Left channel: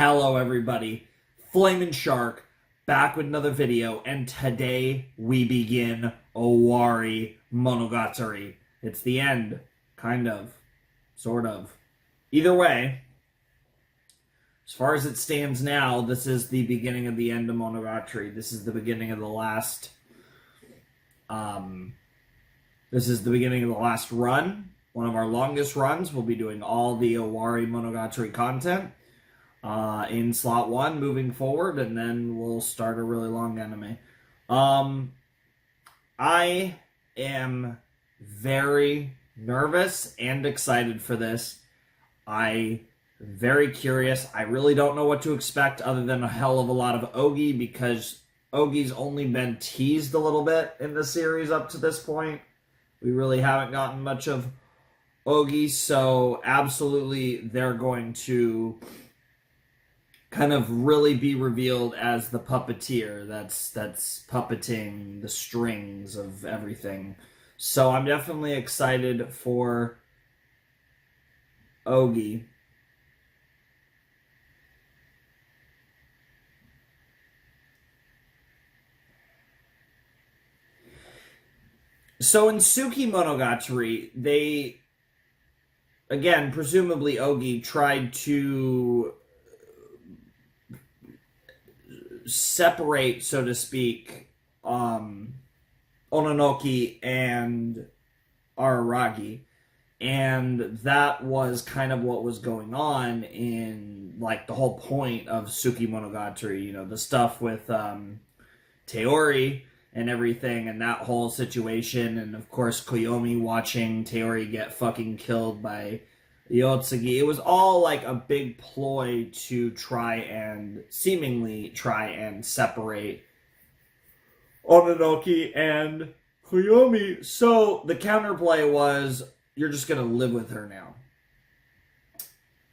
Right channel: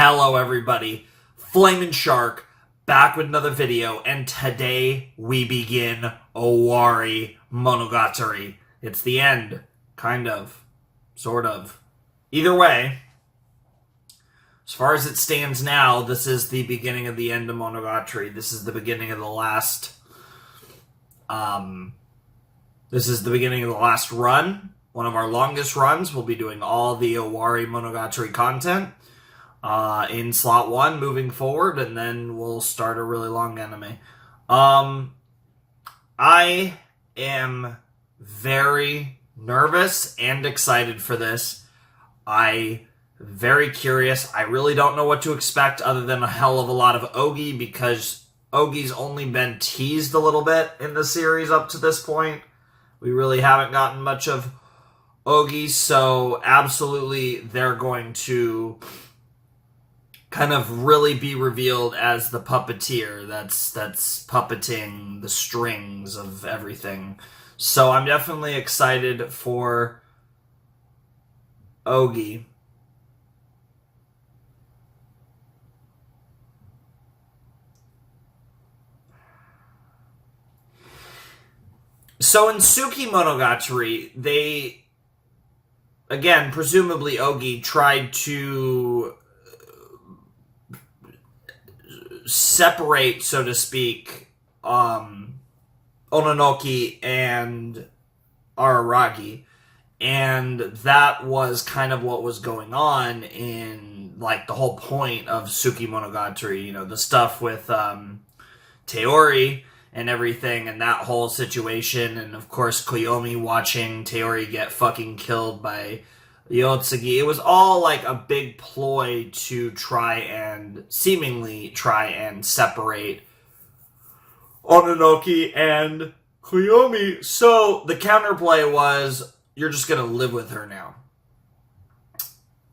Hello everybody, Flamin' Shark, back with another video, and today we begin Owarimonogatari. It's the end, kind of, sort of. Either way, as far as it stands now, this is the beginning of the end of Monogatari. This is the beginning of the last, run. One of our longest runs. We'll be doing all the Owarimonogatari content in slot 1 moving forward, and then we'll start a really long anime. I am very nervous and excited for this. Very curious. I really don't know what to expect other than a hell of a lot of Ougi, because Ougi's only been teased a little bit in the series up to this point. We really haven't gotten much of Ougi, so absolutely they're going to kind of really be revealed as the puppeteer that's puppeting the strings of everything. So I'm definitely excited for Ougi. So in Tsukimonogatari, they, again, presumably Ougi, tried to separate, so to speak, Ononoki and Araragi. And that was kind of what was going on in, like, the whole point of Tsukimonogatari. You know, the stuff with Teori and everything, and that whole situation, and of course Koyomi watching Teori get fucking killed by Yotsugi. It was all like a big ploy to seemingly try and separate Ononoki and Koyomi. So the counterplay was, you're just gonna live with her now.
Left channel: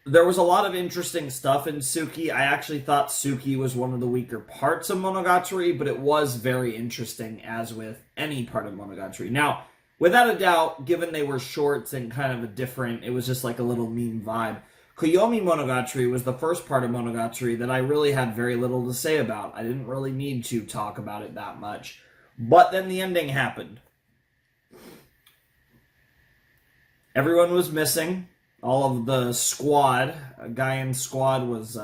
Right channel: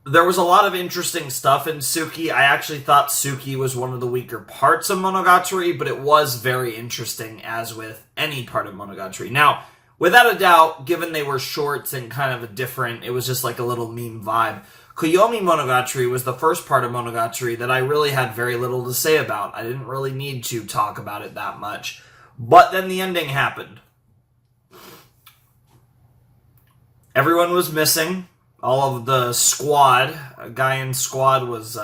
There was a lot of interesting stuff in Tsuki. I actually thought Tsuki was one of the weaker parts of Monogatari, but it was very interesting, as with any part of Monogatari. Now, without a doubt, given they were shorts and kind of it was just like a little meme vibe. Koyomi Monogatari was the first part of Monogatari that I really had very little to say about. I didn't really need to talk about it that much. But then the ending happened. Everyone was missing. All of the squad, Gaian squad, was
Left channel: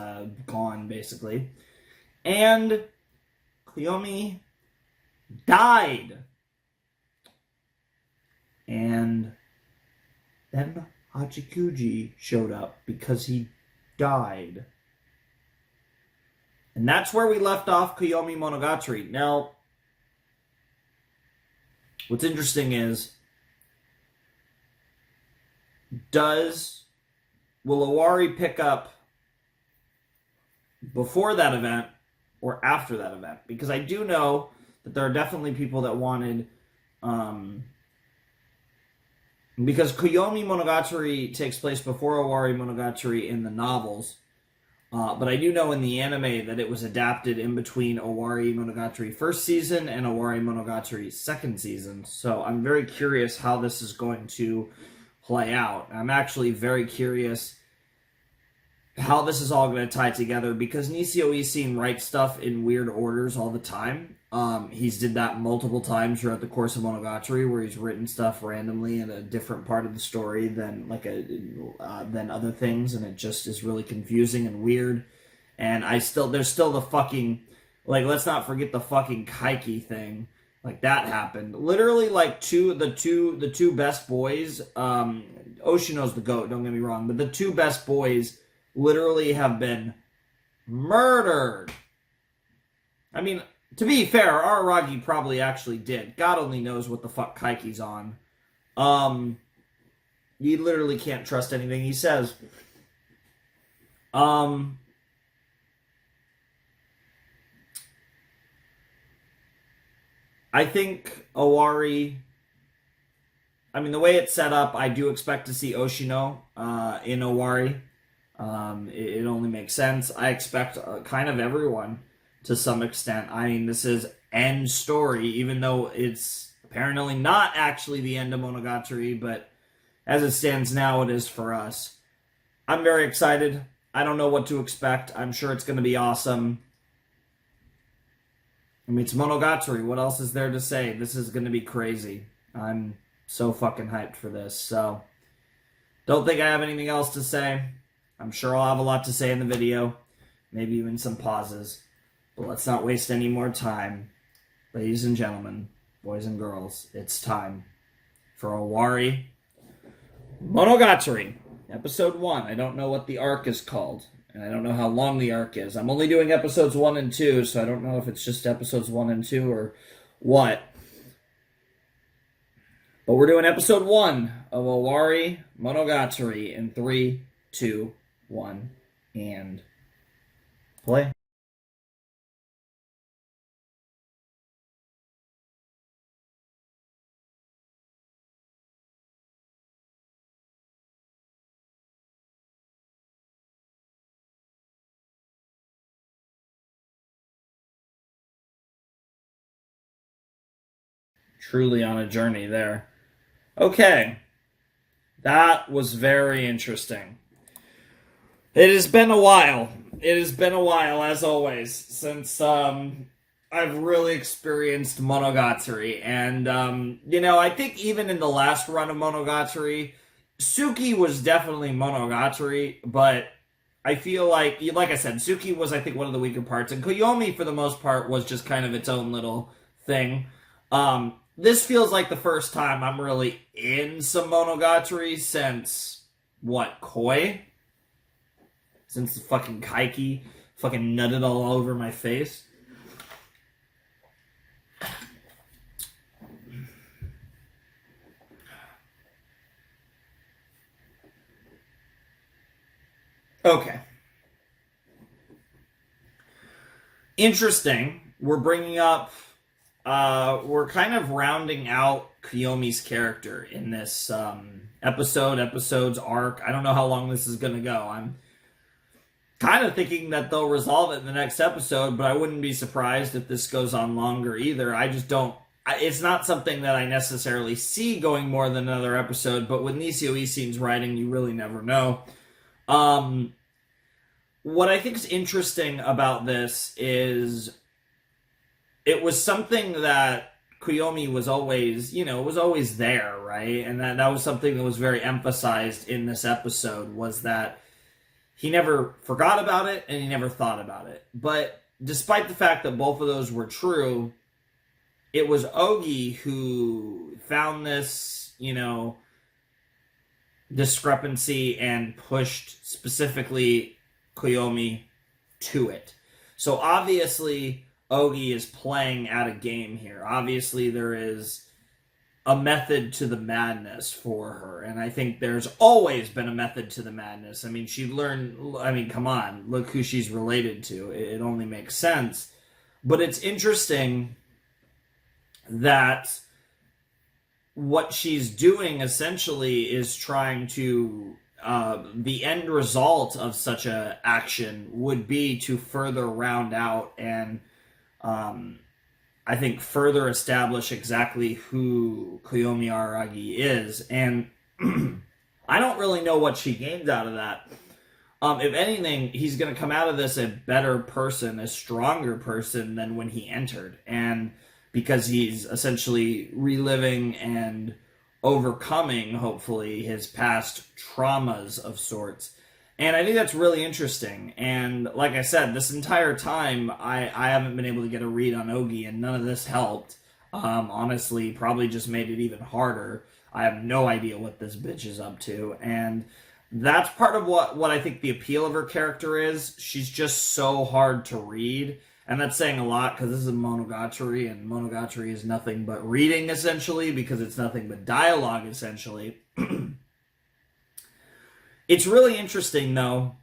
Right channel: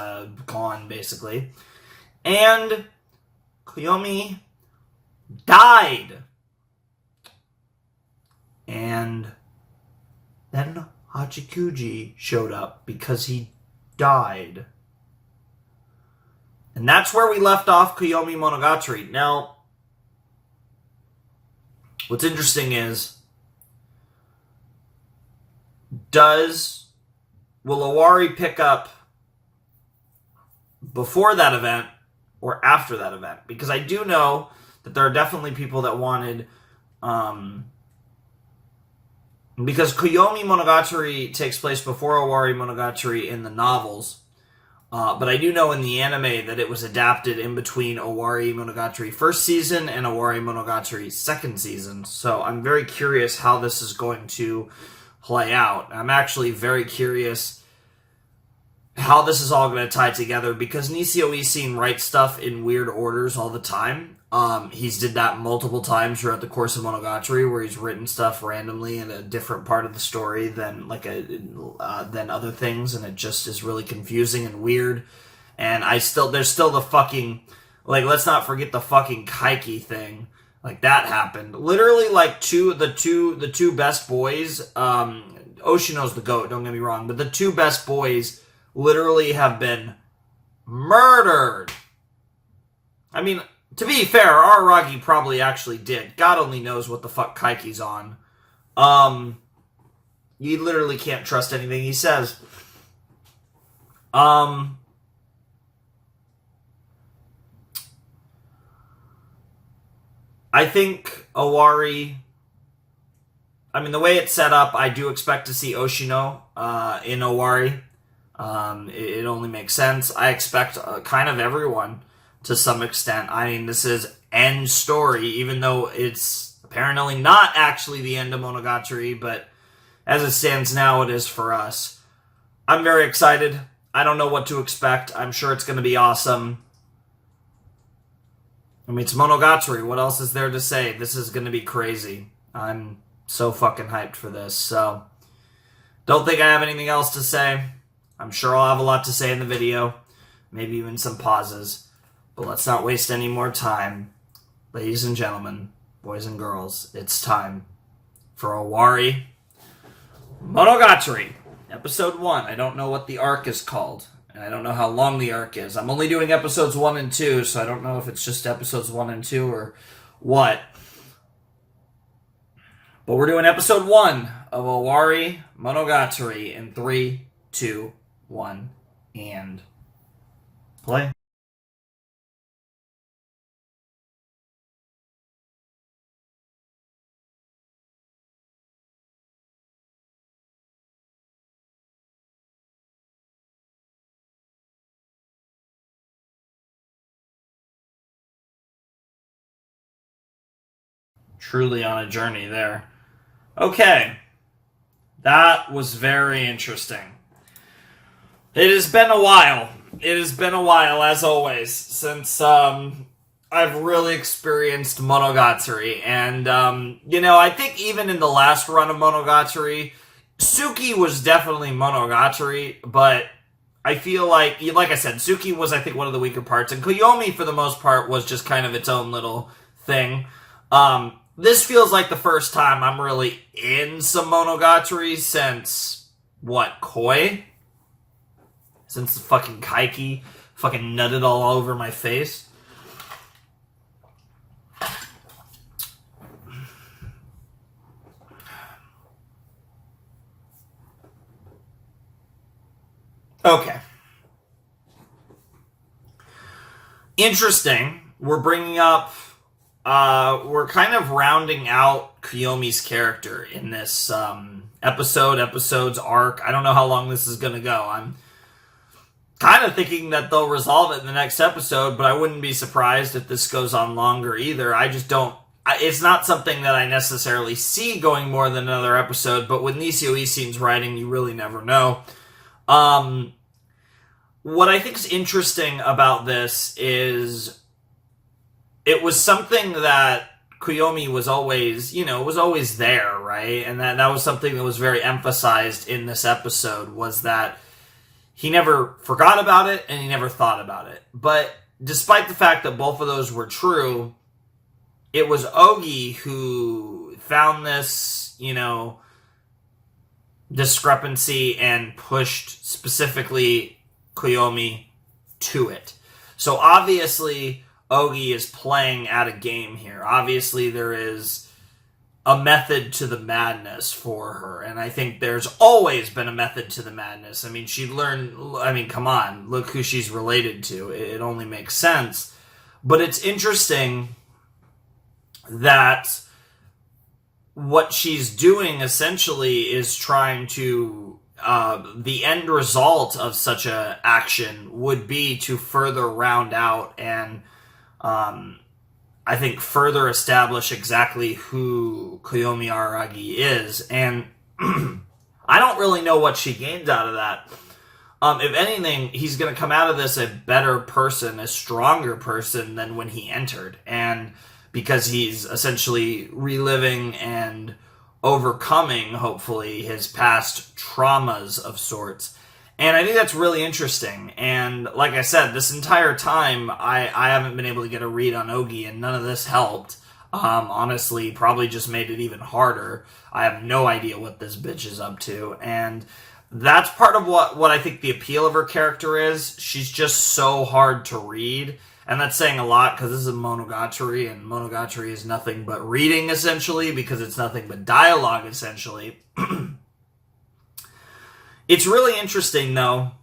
gone, basically. And Koyomi died. And then Hachikuji showed up because he died. And that's where we left off Koyomi Monogatari. Now, what's interesting is, will Owari pick up before that event or after that event? Because I do know that there are definitely people that wanted, because Koyomi Monogatari takes place before Owarimonogatari in the novels, but I do know in the anime that it was adapted in between Owarimonogatari first season and Owarimonogatari second season. So I'm very curious how this is going to play out. I'm actually very curious how this is all going to tie together, because Nisio Isin writes stuff in weird orders all the time. He's did that multiple times throughout the course of Monogatari, where he's written stuff randomly in a different part of the story than other things, and it just is really confusing and weird. And there's still the fucking, like, let's not forget the fucking Kaiki thing. Like, that happened. Literally, like, the two best boys, Oshino's the GOAT, don't get me wrong, but the two best boys literally have been murdered. I mean, to be fair, Araragi probably actually did. God only knows what the fuck Kaiki's on. You literally can't trust anything he says. I think Owari, the way it's set up, I do expect to see Oshino in Owari. It only makes sense. I expect kind of everyone to some extent. This is end story, even though it's apparently not actually the end of Monogatari, but as it stands now, it is for us. I'm very excited. I don't know what to expect. I'm sure it's going to be awesome. I mean, it's Monogatari. What else is there to say? This is going to be crazy. I'm so fucking hyped for this. So, don't think I have anything else to say. I'm sure I'll have a lot to say in the video. Maybe even some pauses. But let's not waste any more time. Ladies and gentlemen, boys and girls, it's time for Owari Monogatari, Episode 1. I don't know what the arc is called, and I don't know how long the arc is. I'm only doing episodes 1 and 2, so I don't know if it's just episodes 1 and 2 or what. But we're doing episode 1 of Owari Monogatari in 3, 2, 1, and play. Truly on a journey there. Okay. That was very interesting. It has been a while. It has been a while, as always, since I've really experienced Monogatari. And, I think even in the last run of Monogatari, Suki was definitely Monogatari, but I feel like I said, Suki was, I think, one of the weaker parts, and Koyomi, for the most part, was just kind of its own little thing. This feels like the first time I'm really in some Monogatari since, Koi? Since the fucking Kaiki fucking nutted all over my face. Okay. Interesting. We're bringing up we're kind of rounding out Koyomi's character in this episode's arc. I don't know how long this is going to go. I'm kind of thinking that they'll resolve it in the next episode, but I wouldn't be surprised if this goes on longer either. I just don't... It's not something that I necessarily see going more than another episode, but with Nisio Isin's writing, you really never know. What I think is interesting about this is... It was something that Koyomi was always, was always there, right? And that was something that was very emphasized in this episode, was that he never forgot about it and he never thought about it. But despite the fact that both of those were true, it was Ougi who found this, discrepancy and pushed specifically Koyomi to it. So obviously... Ougi is playing at a game here. Obviously, there is a method to the madness for her, and I think there's always been a method to the madness. I mean, come on, look who she's related to. It only makes sense. But it's interesting that what she's doing essentially is trying to... the end result of such a action would be to further round out and I think further establish exactly who Koyomi Araragi is, and I don't really know what she gains out of that. If anything, he's going to come out of this a better person, a stronger person than when he entered, and because he's essentially reliving and overcoming, hopefully, his past traumas of sorts. And I think that's really interesting. And like I said, this entire time, I haven't been able to get a read on Ougi, and none of this helped. Honestly, probably just made it even harder. I have no idea what this bitch is up to. And that's part of what I think the appeal of her character is. She's just so hard to read. And that's saying a lot, because this is a Monogatari, and Monogatari is nothing but reading, essentially, because it's nothing but dialogue, essentially. It's really interesting, though,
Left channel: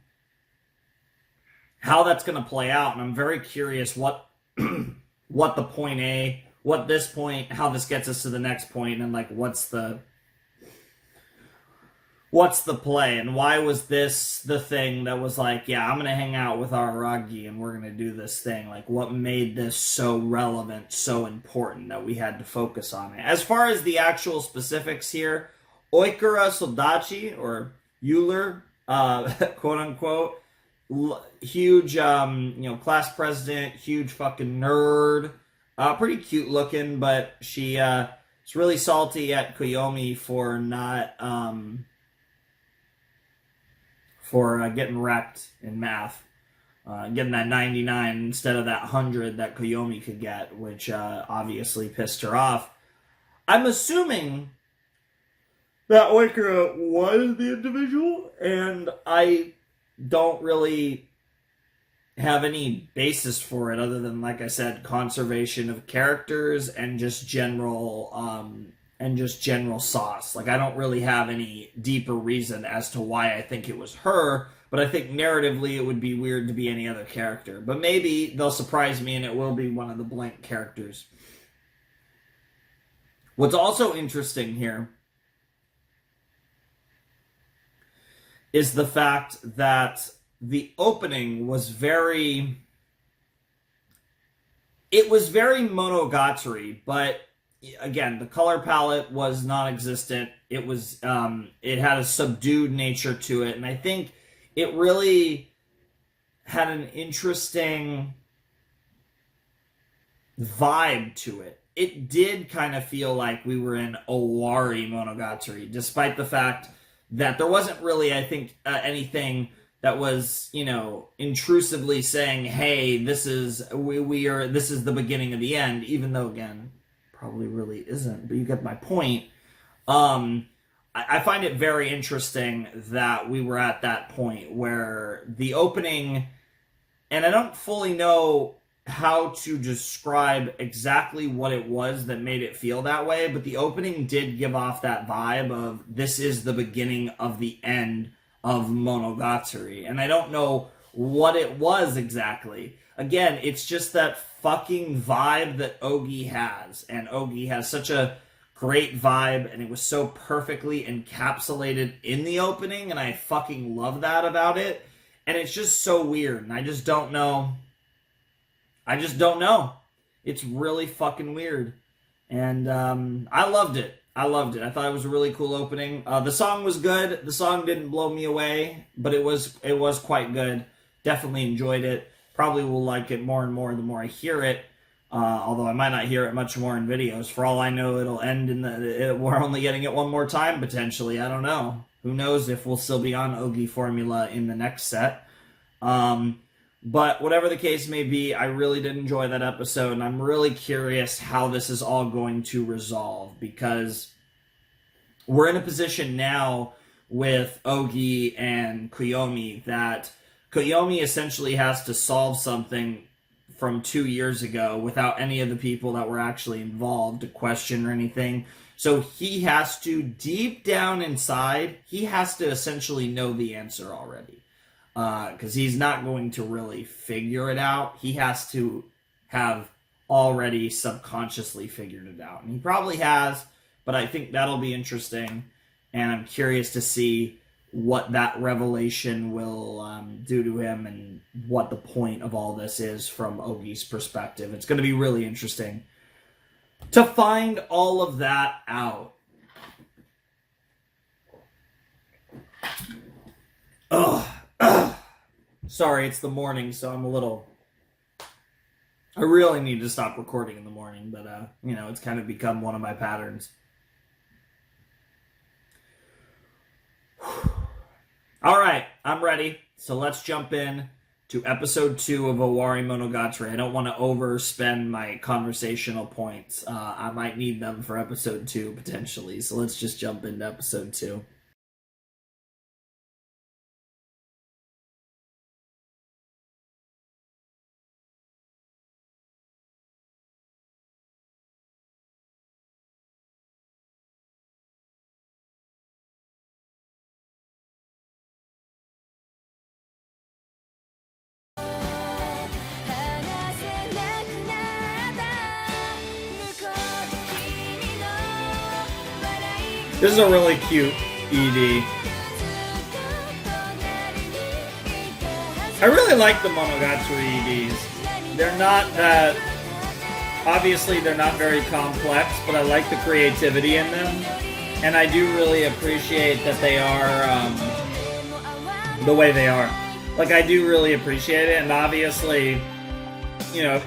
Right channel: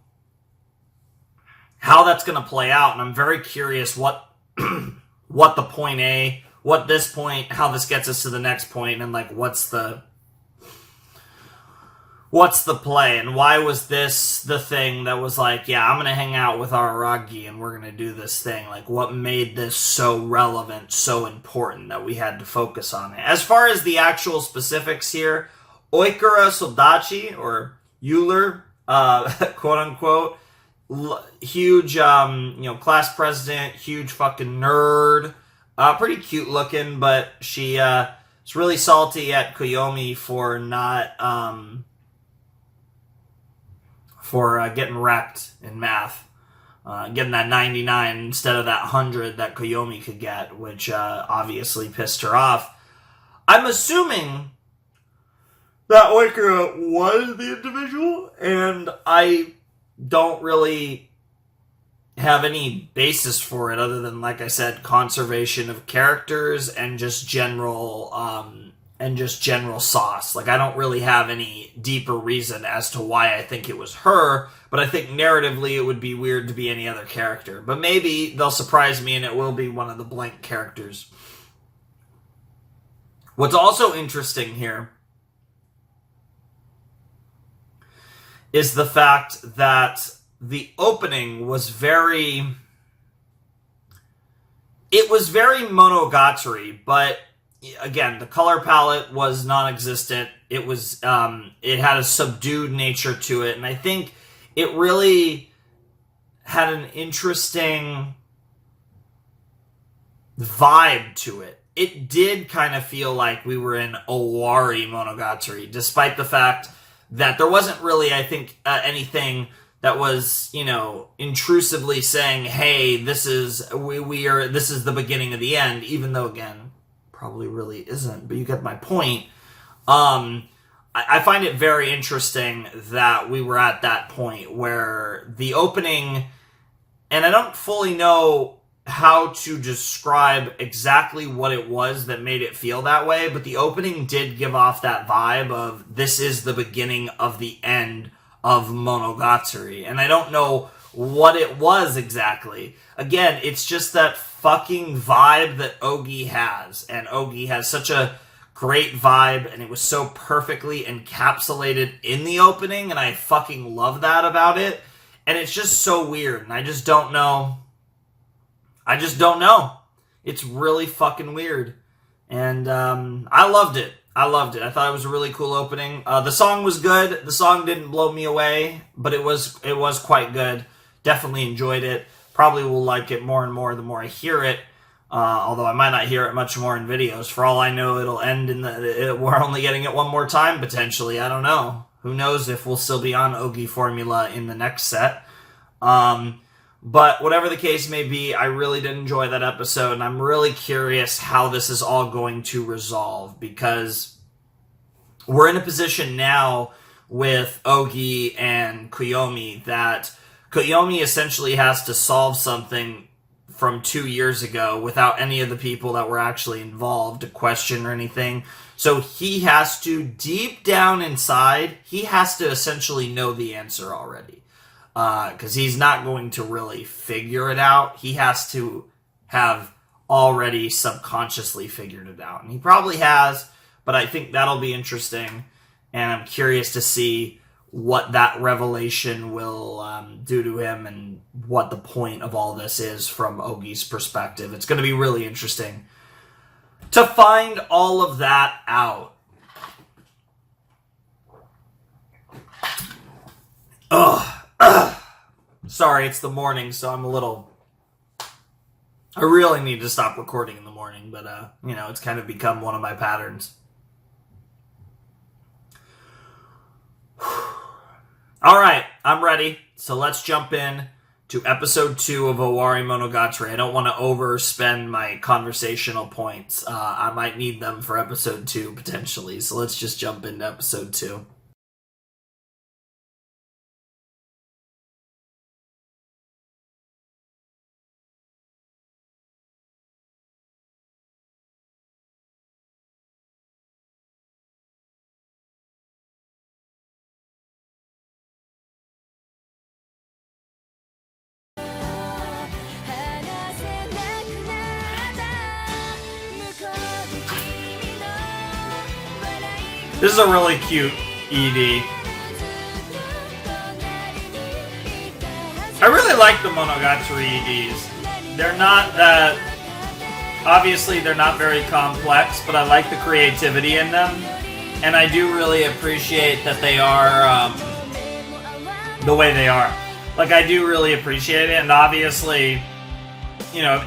how that's going to play out, and I'm very curious what the point A, what this point, how this gets us to the next point, and what's the play, and why was this the thing that was I'm going to hang out with Araragi and we're going to do this thing? What made this so relevant, so important that we had to focus on it? As far as the actual specifics here, Oikura Sodachi, or Euler, quote unquote, huge, class president, huge fucking nerd. Pretty cute looking, but she is really salty at Koyomi for not getting wrecked in math. Getting that 99 instead of that 100 that Koyomi could get, which obviously pissed her off. I'm assuming that Oikura was the individual, and I don't really have any basis for it other than, like I said, conservation of characters and just general sauce. Like, I don't really have any deeper reason as to why I think it was her, but I think narratively it would be weird to be any other character. But maybe they'll surprise me and it will be one of the blank characters. What's also interesting here is the fact that the opening was very Monogatari, but again, the color palette was non-existent. It was it had a subdued nature to it, and I think it really had an interesting vibe to it. It did kind of feel like we were in Owarimonogatari, despite the fact that there wasn't really, I think, anything that was, intrusively saying, "Hey, this is the beginning of the end," even though, again, probably really isn't, but you get my point. I find it very interesting that we were at that point where the opening, and I don't fully know how to describe exactly what it was that made it feel that way, but the opening did give off that vibe of this is the beginning of the end of Monogatari, and I don't know what it was exactly. Again, it's just that fucking vibe that Ougi has, and Ougi has such a great vibe, and it was so perfectly encapsulated in the opening, and I fucking love that about it, and it's just so weird, and I just don't know. It's really fucking weird, and I loved it. I thought it was a really cool opening. The song was good. The song didn't blow me away, but it was quite good. Definitely enjoyed it. Probably will like it more and more the more I hear it. Although I might not hear it much more in videos. For all I know, it'll end we're only getting it one more time potentially. I don't know. Who knows if we'll still be on Ougi formula in the next set. But whatever the case may be, I really did enjoy that episode, and I'm really curious how this is all going to resolve, because we're in a position now with Ougi and Koyomi that Koyomi essentially has to solve something from 2 years ago without any of the people that were actually involved to question or anything. So he has to, deep down inside, he has to essentially know the answer already. Because he's not going to really figure it out. He has to have already subconsciously figured it out. And he probably has, but I think that'll be interesting. And I'm curious to see what that revelation will do to him and what the point of all this is from Ougi's perspective. It's going to be really interesting to find all of that out. Sorry, it's the morning, so I'm a little... I really need to stop recording in the morning, but, it's kind of become one of my patterns. Alright, I'm ready. So let's jump in to episode 2 of Owarimonogatari. I don't want to overspend my conversational points. I might need them for episode 2, potentially. So let's just jump into episode 2. This is a really cute ED. I really like the Monogatari EDs. They're not that... Obviously, they're not very complex, but I like the creativity in them. And I do really appreciate that they are the way they are. Like, I do really appreciate it, and obviously, you know,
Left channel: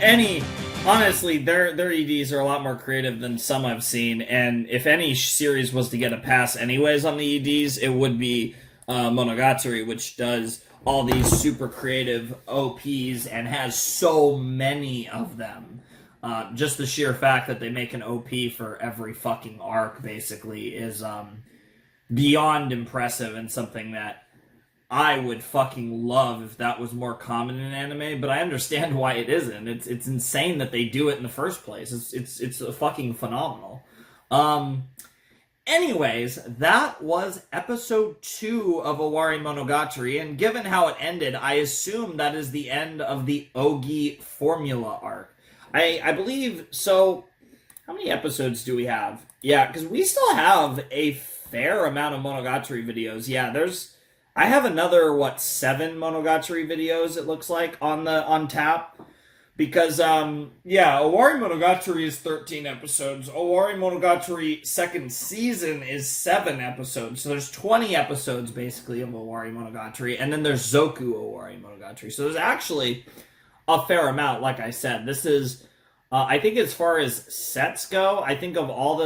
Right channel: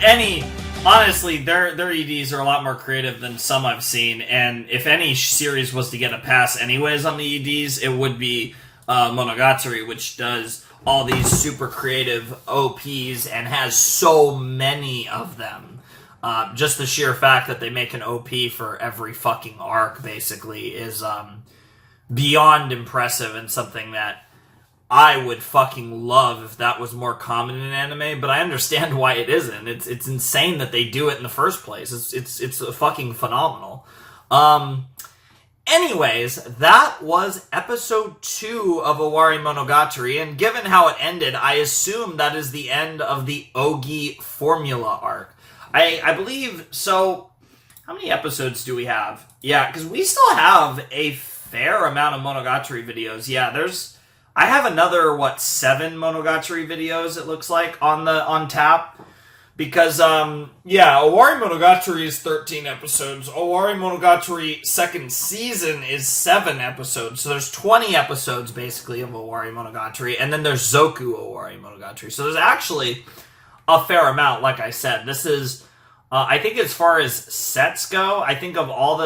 honestly, their EDs are a lot more creative than some I've seen, and if any series was to get a pass anyways on the EDs, it would be Monogatari, which does all these super creative OPs and has so many of them. Just the sheer fact that they make an OP for every fucking arc, basically, is beyond impressive, and something that I would fucking love if that was more common in anime, but I understand why it isn't. It's insane that they do it in the first place. It's fucking phenomenal. Anyways, that was episode 2 of Owarimonogatari, and given how it ended, I assume that is the end of the Ougi formula arc. I believe, so, how many episodes do we have? Yeah, because we still have a fair amount of Monogatari videos. Yeah, I have another, 7 Monogatari videos, it looks like, on tap. Because, Owarimonogatari is 13 episodes. Owarimonogatari second season is 7 episodes. So there's 20 episodes, basically, of Owarimonogatari. And then there's Zoku Owarimonogatari. So there's actually a fair amount, like I said. This is, I think as far as sets go, I think of all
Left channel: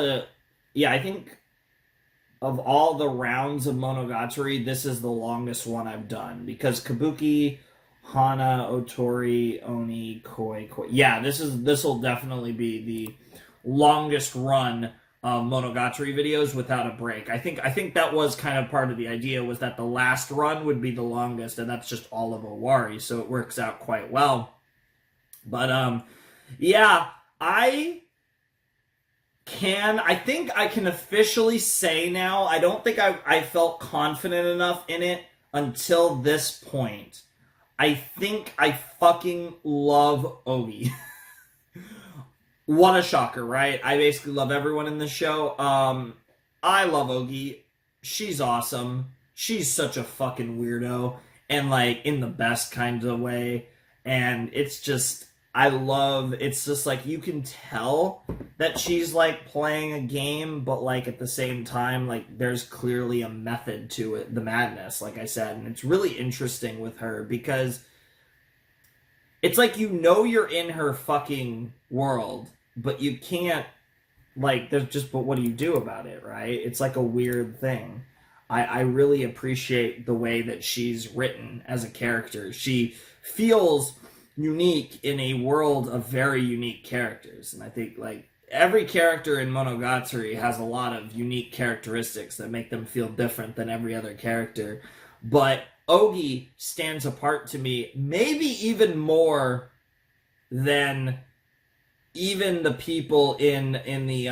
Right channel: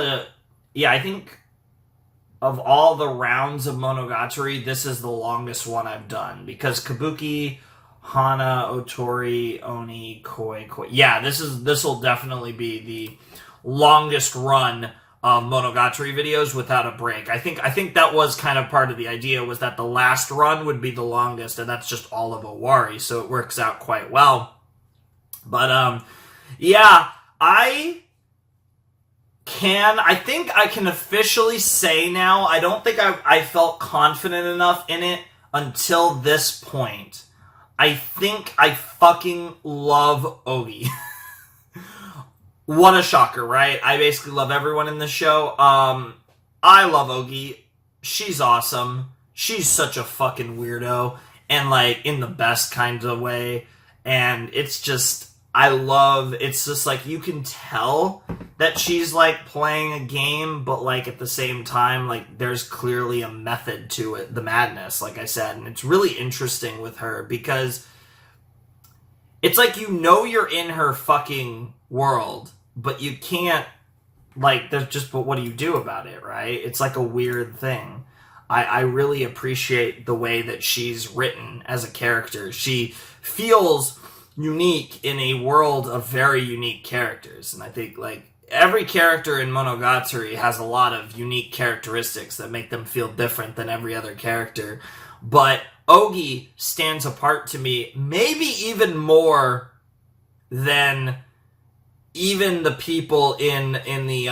the rounds of Monogatari, this is the longest one I've done. Because Kabuki, Hana, Otori, Oni, Koi. Yeah, this will definitely be the longest run of Monogatari videos without a break. I think that was kind of part of the idea, was that the last run would be the longest, and that's just all of Owari, so it works out quite well. But, I think I can officially say now, I don't think I felt confident enough in it until this point. I think I fucking love Ougi. What a shocker, right? I basically love everyone in this show. I love Ougi. She's awesome. She's such a fucking weirdo. And, in the best kind of way. And it's just, it's just, you can tell that she's, playing a game, but, at the same time, there's clearly a method to it, the madness, like I said, and it's really interesting with her, because it's you're in her fucking world, but you can't, but what do you do about it, right? It's, a weird thing. I really appreciate the way that she's written as a character. She feels unique in a world of very unique characters, and I think every character in Monogatari has a lot of unique characteristics that make them feel different than every other character, but Ougi stands apart to me maybe even more than even the people in the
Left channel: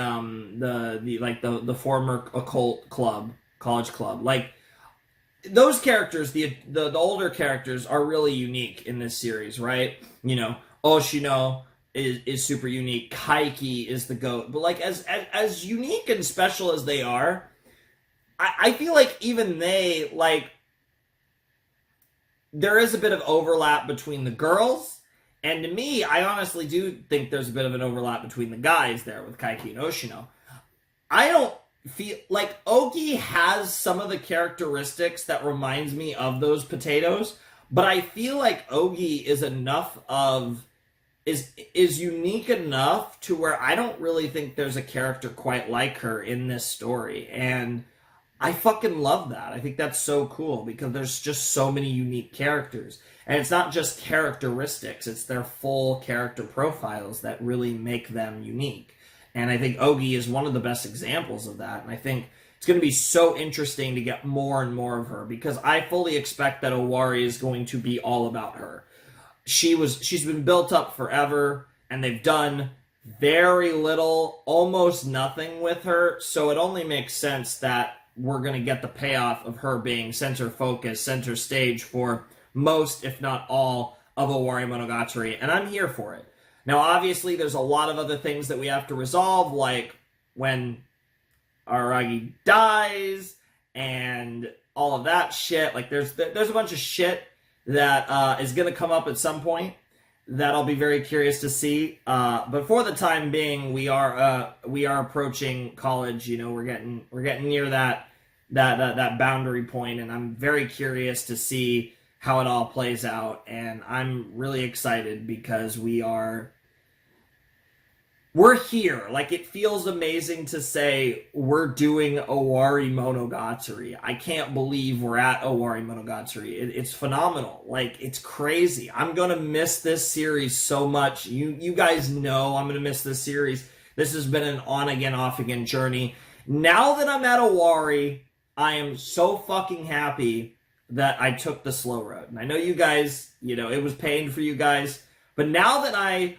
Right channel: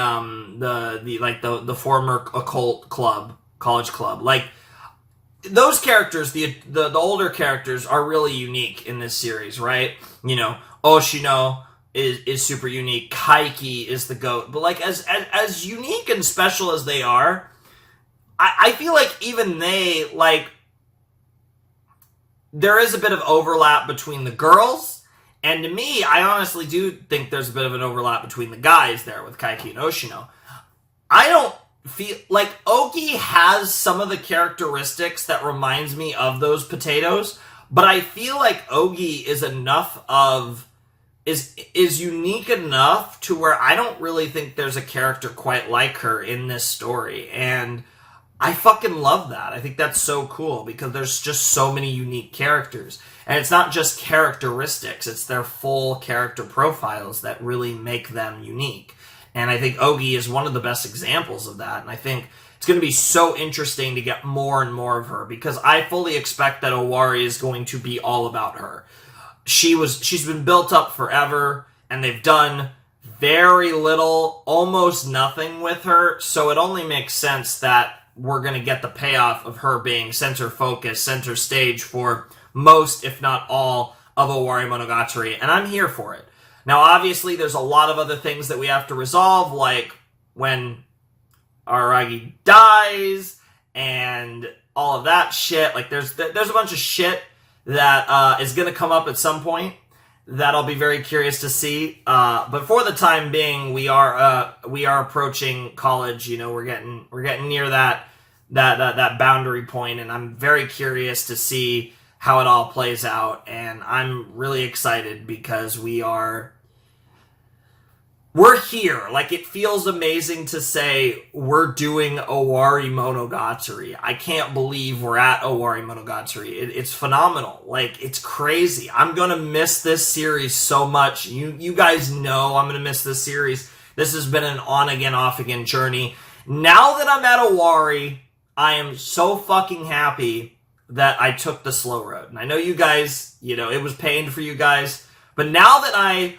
former occult college club. Those characters, the older characters, are really unique in this series, right? Oshino is super unique. Kaiki is the GOAT. But, as unique and special as they are, I feel even they, there is a bit of overlap between the girls, and to me, I honestly do think there's a bit of an overlap between the guys there with Kaiki and Oshino. I don't feel Ougi has some of the characteristics that reminds me of those potatoes, but I feel Ougi is unique enough to where I don't really think there's a character quite like her in this story, and I fucking love that. I think that's so cool, because there's just so many unique characters, and it's not just characteristics, it's their full character profiles that really make them unique. And I think Ougi is one of the best examples of that. And I think it's going to be so interesting to get more and more of her, because I fully expect that Owari is going to be all about her. She's been built up forever, and they've done very little, almost nothing with her. So it only makes sense that we're going to get the payoff of her being center focus, center stage for most, if not all, of Owarimonogatari. And I'm here for it. Now, obviously, there's a lot of other things that we have to resolve, like when Aragi dies and all of that shit. There's a bunch of shit that is going to come up at some point that I'll be very curious to see. But for the time being, we are approaching college. We're getting near that boundary point, and I'm very curious to see how it all plays out. And I'm really excited because we're here. Like, it feels amazing to say we're doing Owarimonogatari. I can't believe we're at Owarimonogatari. It's phenomenal. Like, it's crazy. I'm gonna miss this series so much. You guys know I'm gonna miss this series. This has been an on-again, off-again journey. Now that I'm at Owari, I am so fucking happy that I took the slow road. And I know you guys, it was pain for you guys. But now that I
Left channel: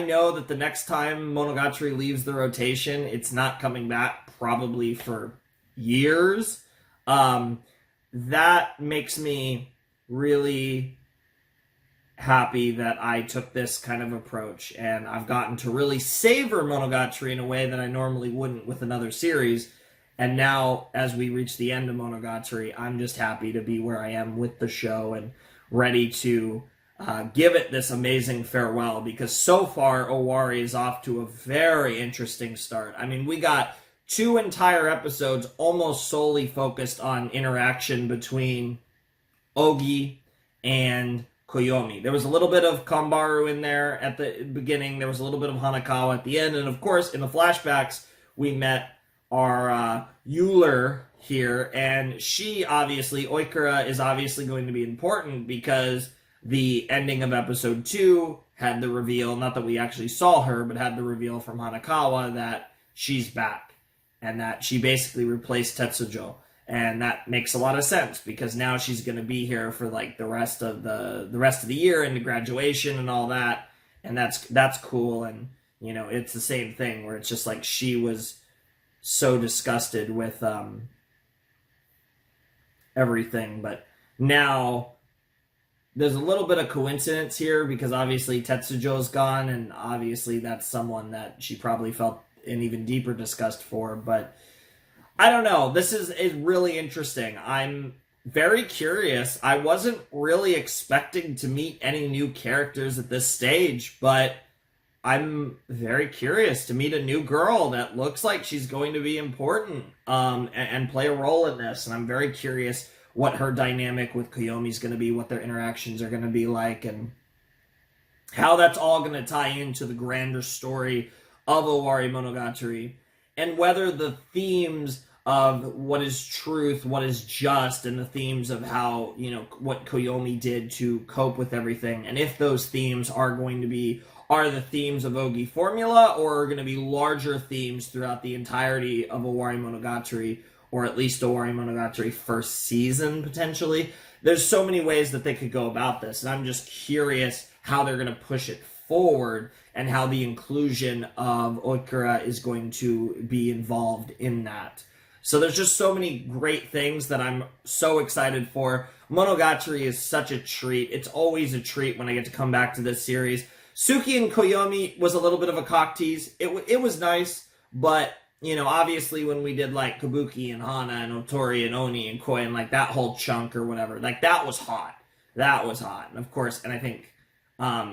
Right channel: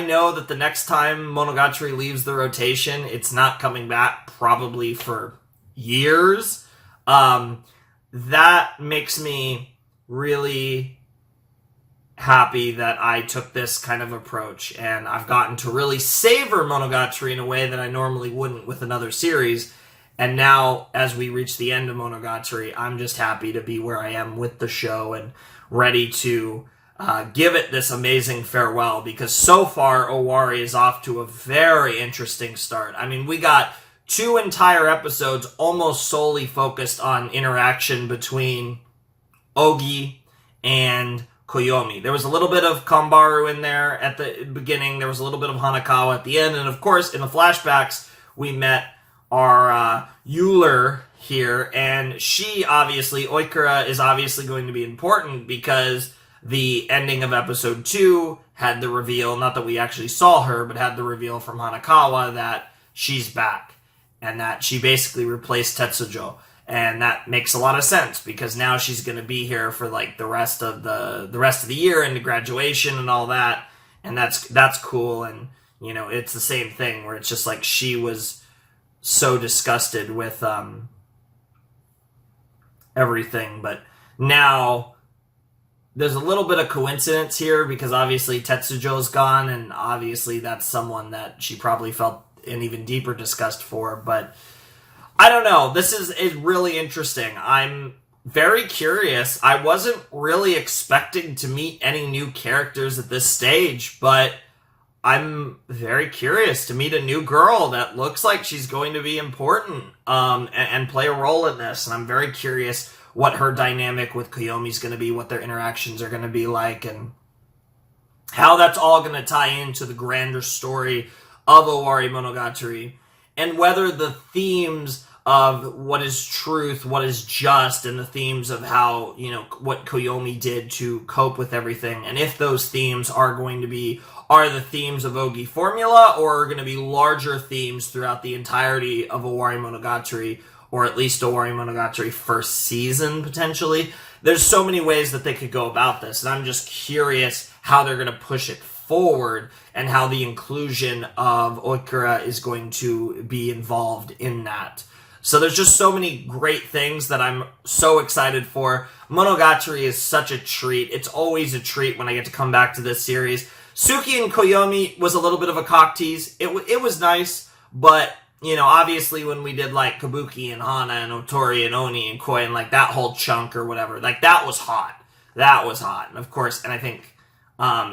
know that the next time Monogatari leaves the rotation, it's not coming back probably for years. That makes me really happy that I took this kind of approach, and I've gotten to really savor Monogatari in a way that I normally wouldn't with another series. And now, as we reach the end of Monogatari, I'm just happy to be where I am with the show and ready to give it this amazing farewell, because so far Owari is off to a very interesting start. I mean, we got 2 entire episodes almost solely focused on interaction between Ougi and Koyomi. There was a little bit of Kambaru in there at the beginning, there was a little bit of Hanakawa at the end, and of course in the flashbacks we met our Euler here, and she obviously, Oikura is obviously going to be important because the ending of episode 2 had the reveal, not that we actually saw her, but had the reveal from Hanakawa that she's back and that she basically replaced Tetsujo. And that makes a lot of sense because now she's going to be here for like the rest of the year into graduation and all that. And that's cool. And it's the same thing where it's just like she was so disgusted with everything, but now there's a little bit of coincidence here because obviously Tetsujo's gone, and obviously that's someone that she probably felt an even deeper disgust for, but I don't know. This is really interesting. I'm very curious. I wasn't really expecting to meet any new characters at this stage, but I'm very curious to meet a new girl that looks like she's going to be important and play a role in this, and I'm very curious what her dynamic with Koyomi is going to be, what their interactions are going to be like, and how that's all going to tie into the grander story of Owarimonogatari, and whether the themes of what is truth, what is just, and the themes of how, what Koyomi did to cope with everything, and if those themes are the themes of Ougi formula, or are going to be larger themes throughout the entirety of Owarimonogatari, or at least Owarimonogatari first season, potentially. There's so many ways that they could go about this, and I'm just curious how they're going to push it forward, and how the inclusion of Oikura is going to be involved in that. So there's just so many great things that I'm so excited for. Monogatari is such a treat. It's always a treat when I get to come back to this series. Suki and Koyomi was a little bit of a cock tease. It was nice, but obviously when we did like Kabuki and Hana and Otori and Oni and Koi and like that whole chunk or whatever, like that was hot. That was hot. And of course, and I think,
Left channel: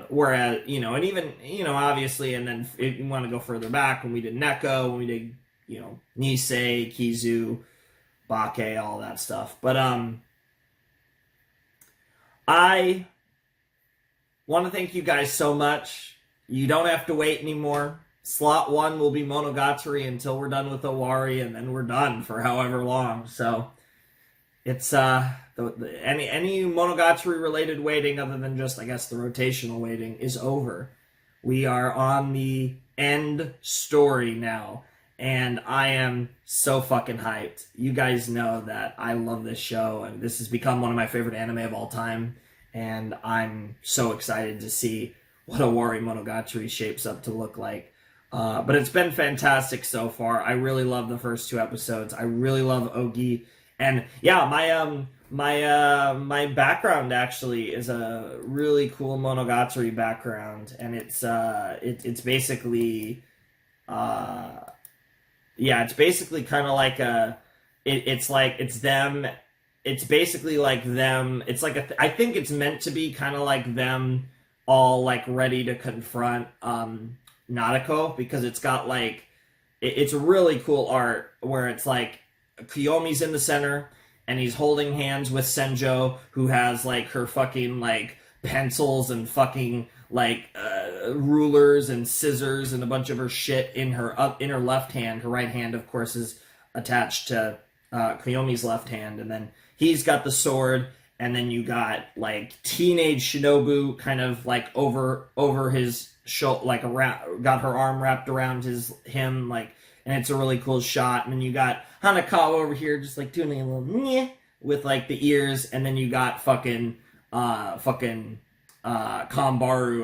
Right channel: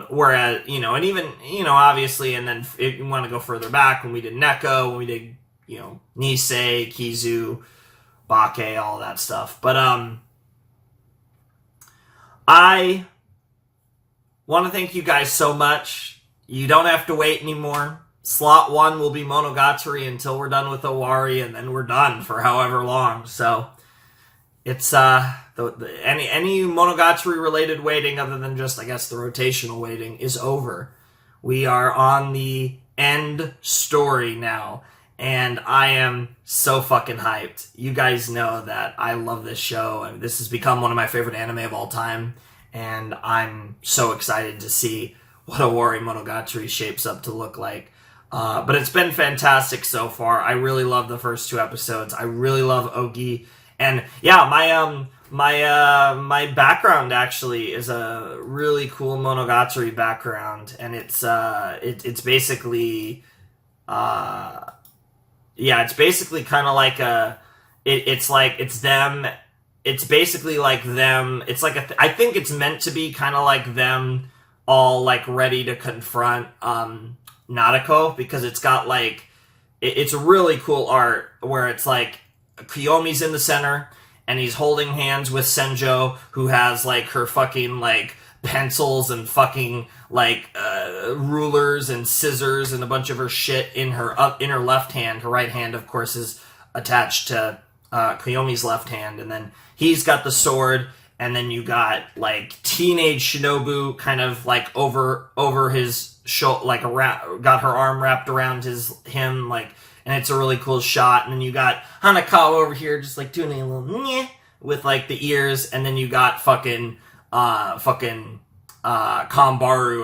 whereas, and even, obviously, and then if you want to go further back, when we did Neko, when we did, Nisei, Kizu, Bake, all that stuff. But, I want to thank you guys so much. You don't have to wait anymore. Slot 1 will be Monogatari until we're done with Owari, and then we're done for however long. So it's any Monogatari related waiting other than just, I guess, the rotational waiting is over. We are on the end story now, and I am so fucking hyped. You guys know that I love this show, and this has become one of my favorite anime of all time, and I'm so excited to see what Owarimonogatari shapes up to look like. But it's been fantastic so far. I really love the first 2 episodes. I really love Ougi. And yeah, my background actually is a really cool Monogatari background, and it's basically it's basically kind of like it's them. It's basically like them. It's like I think it's meant to be kind of like them all like ready to confront Nadeko, because it's got like it's a really cool art where it's like Kiyomi's in the center, and he's holding hands with Senjo, who has like her fucking like pencils and fucking like rulers and scissors and a bunch of her shit in her left hand. Her right hand, of course, is attached to Koyomi's left hand, and then he's got the sword. And then you got like teenage Shinobu kind of like over his shoulder, like got her arm wrapped around him, like, and it's a really cool shot. And then you got Hanakawa over here just like doing a little nyeh with like the ears, and then you got fucking Kambaru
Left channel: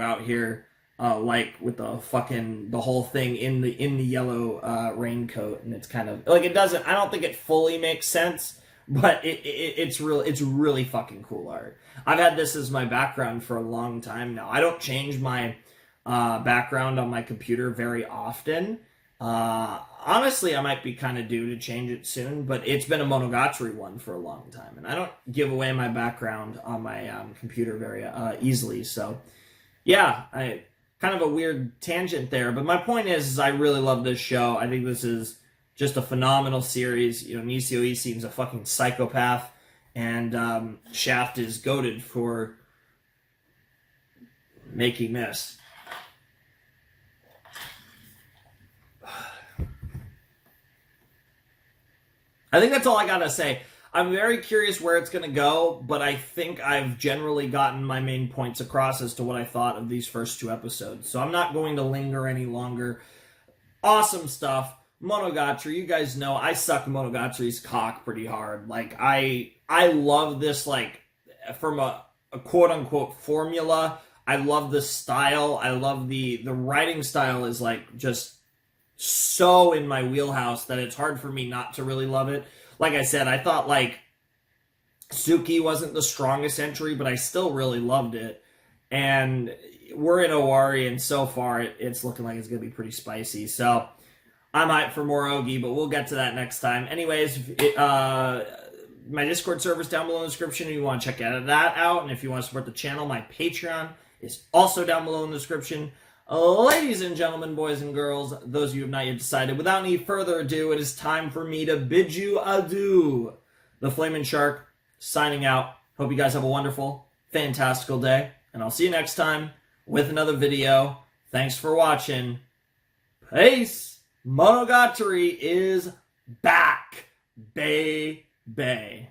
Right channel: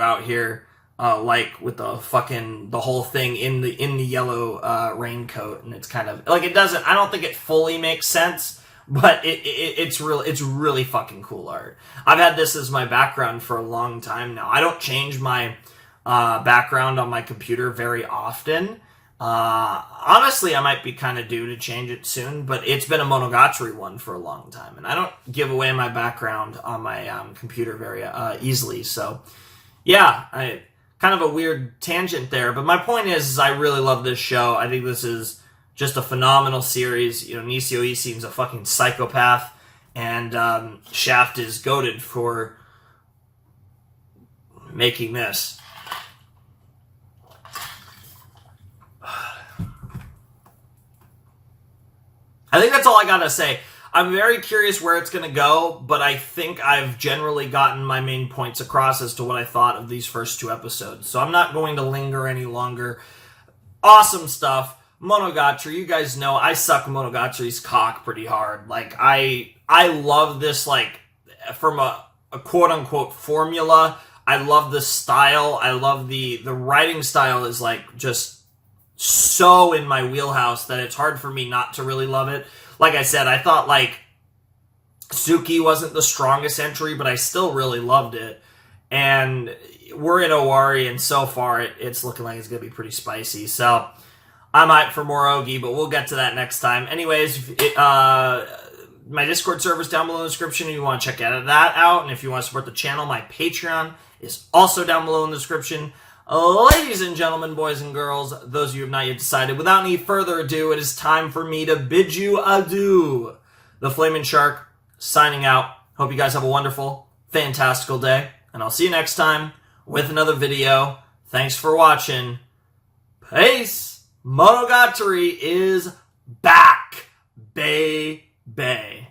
out here like with the whole thing in the yellow raincoat, and it's kind of like I don't think it fully makes sense. But it's really fucking cool art. I've had this as my background for a long time now. I don't change my background on my computer very often. Honestly, I might be kind of due to change it soon, but it's been a Monogatari one for a long time. And I don't give away my background on my computer very easily. So, yeah, kind of a weird tangent there. But my point is I really love this show. I think this is just a phenomenal series. You know, Nisio E seems a fucking psychopath, and Shaft is goated for making this. I think that's all I gotta say. I'm very curious where it's gonna go, but I think I've generally gotten my main points across as to what I thought of these first 2 episodes. So I'm not going to linger any longer. Awesome stuff. Monogatari, you guys know I suck Monogatari's cock pretty hard. Like, I love this, like, from a quote-unquote formula. I love the style. I love the writing style is, like, just so in my wheelhouse that it's hard for me not to really love it. Like I said, I thought, like, Suki wasn't the strongest entry, but I still really loved it. And we're in Owari, and so far it's looking like it's going to be pretty spicy. So I'm hyped for more Ougi, but we'll get to that next time. Anyways, my Discord server's down below in the description if you want to check that out. And if you want to support the channel, my Patreon is also down below in the description. Ladies and gentlemen, boys and girls, those of you who have not yet decided, without any further ado, it is time for me to bid you adieu. The Flamin' Shark, signing out. Hope you guys have a wonderful, fantastical day. And I'll see you next time with another video. Thanks for watching. Peace! Monogatari is back, baby.